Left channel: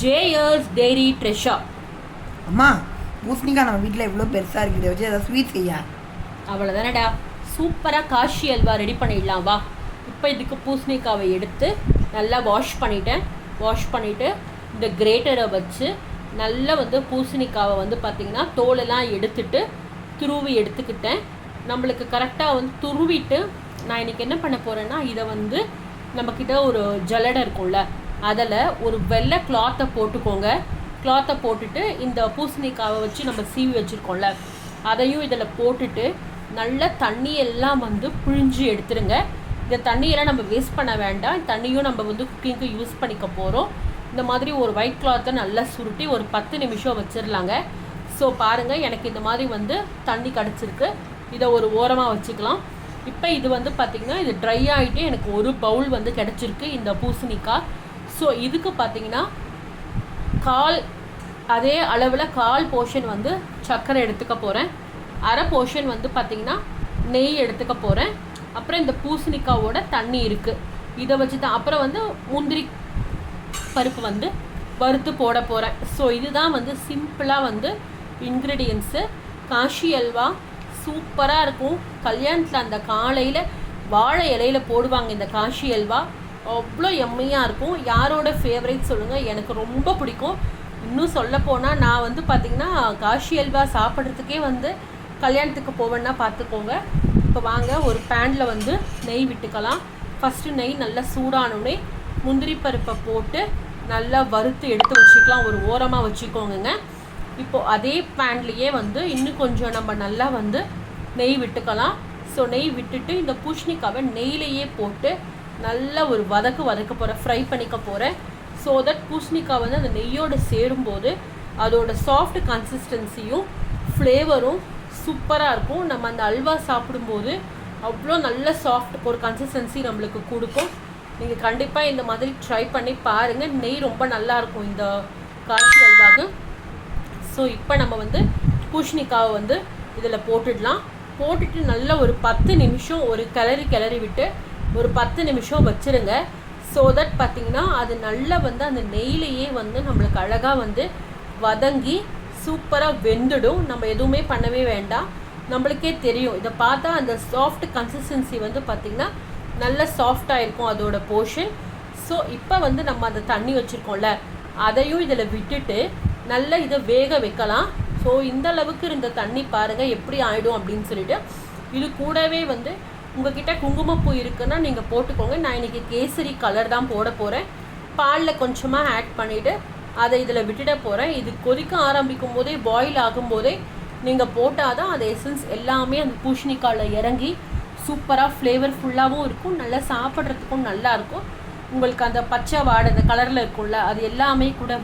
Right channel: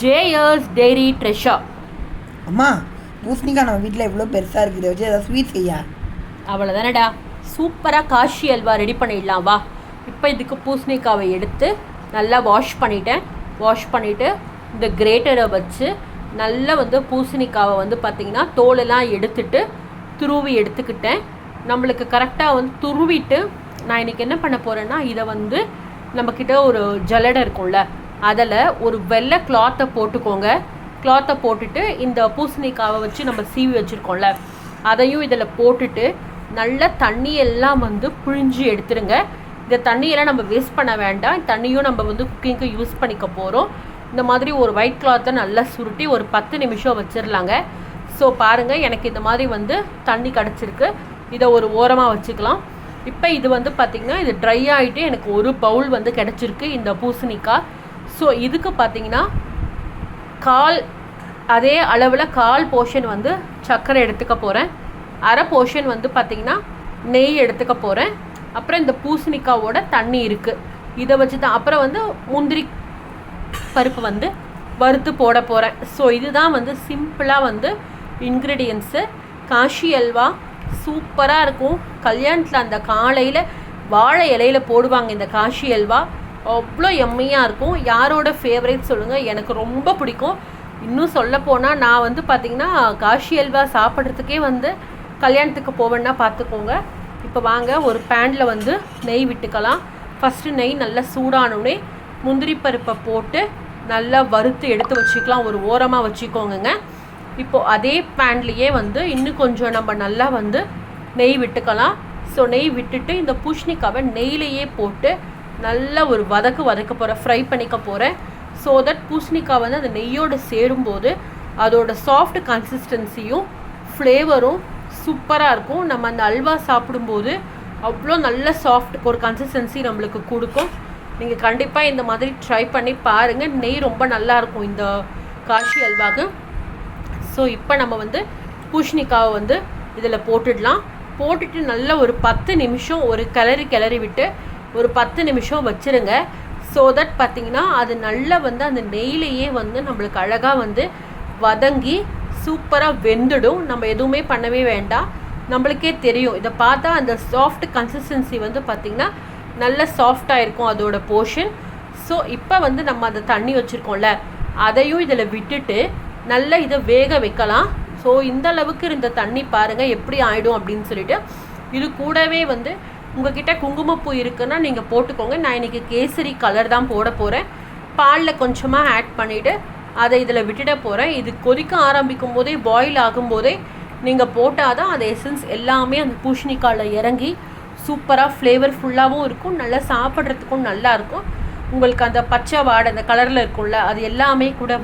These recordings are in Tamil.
ஜேயர்ஸ் டெய்ரி ட்ரெஷர். அம்மா, பூசணிக்காய் நம்ம வீட்டில் எவ்வளோ பெருசாக இருக்குது, வச்சு ஏதாவது ஸ்வீட் செய்யா. அவ்வளோதானடா, சூப்பராக காஷி அல்வா ரெடி பண்ணிடலாம் வா. இப்போ இதுக்கு பூசணிக்காவை எடுத்து நல்லா வாஷ் பண்ணிவிட்டு இந்த கிரேட்டரை வச்சு நல்லா பூசணிக்காவை பார்த்திங்கன்னா தோலெல்லாம் எடுத்துட்டு துருவி எடுத்துக்கிட்டேன். நம்மளுக்கு கரெக்டாக துருவிட்டு நான் இன்றைக்கி என்ன பண்ண போகிறேன்னா, இதை நம்மக்கிட்ட ஒரு ஜல்லடை இருக்கும்ல, அதில் ஒரு வெள்ளை கிளாத்தை போட்டுக்கோங்க. கிளாத்தை போட்டுட்டு இந்த பூசணிக்காவை வச்சு நம்ம சீவி வச்சுருக்கோம்ல, அதையும் இதில் போட்டுட்டு நல்ல தண்ணியெல்லாம் புழிஞ்சு எடுத்துருங்க. இந்த தண்ணியெல்லாம் நம்ம வேஸ்ட் பண்ண வேண்டாம். தண்ணியும் நம்ம குக்கிங்க்கு யூஸ் பண்ணிக்க போகிறோம். இந்த மாதிரி ஒரு ஒயிட் கிளாத்தை நல்லா சுருட்டி ஒரு 10 நிமிஷம் வச்சிடலாங்க. ஸோ பாருங்கள், எனக்கு இந்த மாதிரி தண்ணி கிடச்சிருக்கு. இதை ஒரு ஓரமாக வச்சுக்கலாம். இப்போ இது பார்த்திங்கன்னா இது ட்ரை ஆகிட்டு எனக்கு ஒரு பவுல் கிடச்சிருக்கு இந்த பூசணிக்காய். ஸோ இதுக்கு பார்த்திங்கன்னா அதே அளவில் கால் போர்ஷன் சர்க்கரை எடுத்துக்க போகிறேன். அரை போர்ஷன் பார்த்திங்கன்னா நெய் எடுத்துக்க போகிறேன். அப்புறம் இந்த பூசணிக்காவோட தண்ணி இருக்குது, இதை வச்சு தான் அப்புறம் முந்திரி பருப்பு வறுத்து போட போகிறேன். ஸோ இதுதான் சிம்பிளாக இன்க்ரீடியன்ஸு. காஷி அல்வா சூப்பராக இருக்கும். கல்யாணத்தில் அந்த காலையில் வாழை இலையில் போடுவாங்க இந்த காஷி அல்வா. அவ்வளோ எம்மையாக இருக்கும். யாரோட ஃபேவரேட் சொல்லுங்கள், எனக்கு ரொம்ப பிடிக்கும். இன்னும் சொல்லப்போனால் நான் பார்த்திங்கன்னா காஷி அல்வா சாப்பிட்றதுக்கே கல்யாணத்துக்கு போவேன்னா பார்த்துக்கோங்க. இப்போ வாங்க, ஒரு பேனில் நெய் விட்டுக்கலாம். ஃபஸ்ட்டு நெய் நல்லா சூடானோடனே முந்திரி பருப்பை போட்டு நல்லா வறுத்து எடுத்து வச்சுக்கலாம். ஒரு ஓரமாக வச்சுக்கோங்க. இப்போது அதே பேன்லேயே இன்னும் கொஞ்சம் நம்ம நல்லா நெய் விட்டுக்கலாம். ஸோ நெய் விட்டுட்டு இந்த பூசணிக்காவை நெய்லேயே போட்டு நல்லா ஒரு வதக்க போகிறேன், ஃப்ரை பண்ணிக்க போகிறேன். ஸோ தட் பூசணிக்காய் அந்த நெய்யோடு சேரும்போது அதோட சாஃப்ட் கன்சிஸ்டன்சியும் ஃப்ளேவரும் சூப்பராக இருக்கும். நம்ம அந்த அல்வா சாப்பிடும்போது அவ்வளோ நல்ல சாஃப்ட் ஒரு கன்சிஸ்டன்சி நம்மளுக்கு கொடுக்கும். நீங்கள் கண்டிப்பாக இந்த மாதிரி ட்ரை பண்ணி பாருங்கள். நெய் ரொம்ப நல்லாயிருக்கும் இந்த காஷி அல்வாவுக்கு. ஸோ இப்போ நம்ம பூசணிக்காவை இதில் போட்டுட்டு நல்லா ஒரு 10 நிமிஷம் ஒரு கிளறி விட்டு ஒரு 10 நிமிஷம் வச்சுருங்க. ஸோ தட் பார்த்திங்கன்னா அது நல்லா அந்த நெய்லேயே நம்மளுக்கு அழகாக வதங்கி சூப்பராக வெந்துடும். நம்ம எதுவுமே பண்ணவே வேண்டாம், நம்மளுக்கே தெரியும். இதை பார்த்தா அந்த சாஃப்ட் கன்சிஸ்டன்சி பார்த்திங்கன்னா நல்ல சாஃப்டாக இருக்கும் அதோட போர்ஷன். ஸோ இப்போ நம்ம அந்த தண்ணி வச்சுருக்கோம்ல, அதையும் இதில் விட்டுட்டு நல்லா இதை வேக வைக்கலாம். ஸோ இந்த அளவுக்கு இருந்த தண்ணி பாருங்கள் எப்படி ஆகிடும் அப்படின்னு சொல்லிட்டு. இது கூடவே உங்கள்கிட்ட குங்குமப்பூ இருக்குன்னா நீங்கள் போட்டுக்கோங்க. நான் இன்றைக்கி கேசரி கலர் தான் போட போகிறேன். பாலில் கொஞ்சமாக ஆட் பண்ணிவிட்டு அதை இதில் விட்டுட போகிறேன். இது கொதிக்க ஆரம்பிக்கும் போதே, பாயில் ஆகும்போதே நீங்கள் போட்டால் தான் அந்த எசன்ஸ் எல்லாமே அந்த பூசணிக்காயில் இறங்கி சூப்பராக ஃப்ளேவர்ஃபுல்லாகவும் இருக்கும், நல்லா சாப்பிட்றதுக்கும் நல்லாயிருக்கும். உங்களுக்கு அந்த பச்சை வாடை அந்த கலரில் இருக்கும்ல, அது எல்லாமே கூட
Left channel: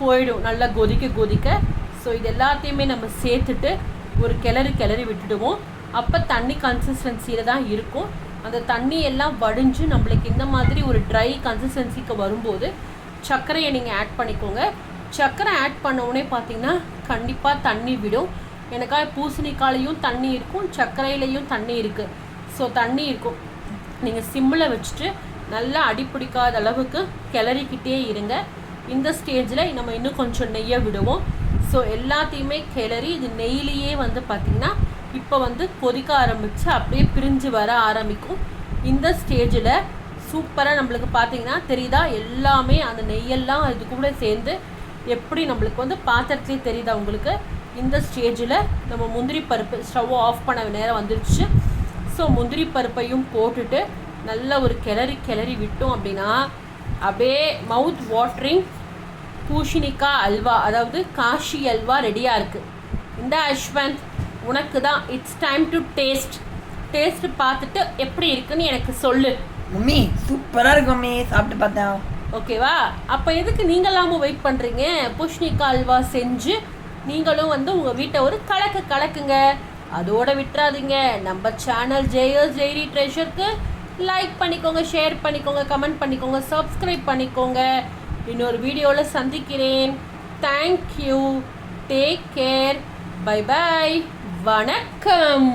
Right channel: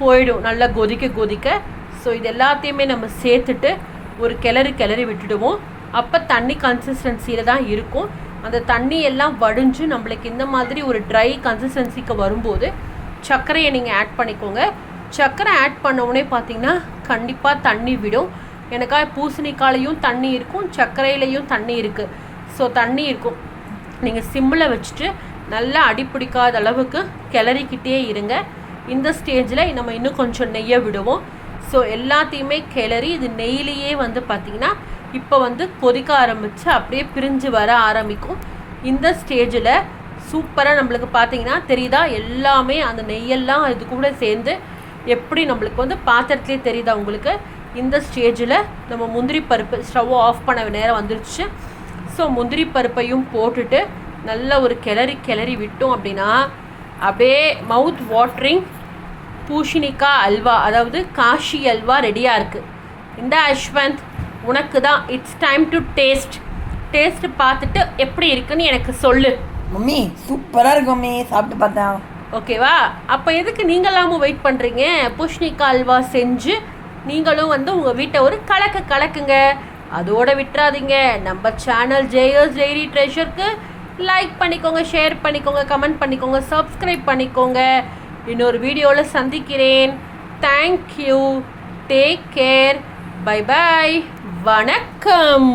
போயிடும் நல்லா கொதிக்க. ஸோ இது எல்லாத்தையுமே நம்ம சேர்த்துட்டு ஒரு கிளறி விட்டுடுவோம். அப்போ தண்ணி கன்சிஸ்டன்சியில் தான் இருக்கும். அந்த தண்ணி எல்லாம் வடிஞ்சு நம்மளுக்கு இந்த மாதிரி ஒரு ட்ரை கன்சிஸ்டன்சிக்கு வரும்போது சர்க்கரையை நீங்கள் ஆட் பண்ணிக்கோங்க. சர்க்கரை ஆட் பண்ணவுடனே பார்த்திங்கன்னா கண்டிப்பாக தண்ணி விடும். எனக்காக பூசணிக்காலையும் தண்ணி இருக்கும், சர்க்கரையிலையும் தண்ணி இருக்குது. ஸோ தண்ணி இருக்கும். நீங்கள் சிம்மில் வச்சுட்டு நல்லா அடிப்பிடிக்காத அளவுக்கு கிளறிக்கிட்டே இருங்க. இந்த ஸ்டேஜில் நம்ம இன்னும் கொஞ்சம் நெய்யை விடுவோம். ஸோ எல்லாத்தையுமே கிளறி இது நெய்லேயே பார்த்திங்கன்னா இப்போ கொதிக்க ஆரம்பித்து அப்படியே பிரிஞ்சு வர ஆரம்பிக்கும். இந்த ஸ்டேஜில் சூப்பராக நம்மளுக்கு பார்த்திங்கன்னா தெரியுதா, எல்லாமே அந்த நெய்யெல்லாம் இது கூட சேர்ந்து எப்படி நம்மளுக்கு பாத்திரத்துலேயே தெரியுதா உங்களுக்கு. இந்த ஸ்டேஜில் நம்ம முந்திரி பருப்பு ஸ்டவ் ஆஃப் பண்ண நேரம் வந்துருச்சு. ஸோ முந்திரி பருப்பையும் போட்டுட்டு நல்ல ஒரு கிளறி விட்டோம் அப்படின்னா அப்படியே மவுத் வாட்டரிங் பூசணிக்காய் அல்வா, அதாவது காஷி அல்வா ரெடியாக இருக்குது. இந்த அஸ்வந்த் உனக்கு தான், இட்ஸ் டைம் டு டேஸ்ட் பார்த்துட்டு எப்படி இருக்குன்னு எனக்கு சொல்லு. மம்மி சூப்பராக இருக்கும் மம்மி, சாப்பிட்டு பார்த்தேன். ஓகேவா? அப்போ எதுக்கு நீங்களாமும் வெயிட் பண்ணுறீங்க? பூசணிக்காய் அல்வா செஞ்சு நீங்களும் உங்கள் வீட்டை ஒரு கலக்குங்க. அதோட விட்டுறாதீங்க. நம்ம சேனல் ஜேயர்ஸ் டெய்ரி ட்ரெஷருக்கு லைக் பண்ணிக்கோங்க, ஷேர் பண்ணிக்கோங்க, கமெண்ட் பண்ணிக்கோங்க, சப்ஸ்கிரைப் பண்ணிக்கோங்க. இன்னொரு வீடியோவில் சந்திக்கிறேன். Thank you, take care, bye bye, வணக்கம்.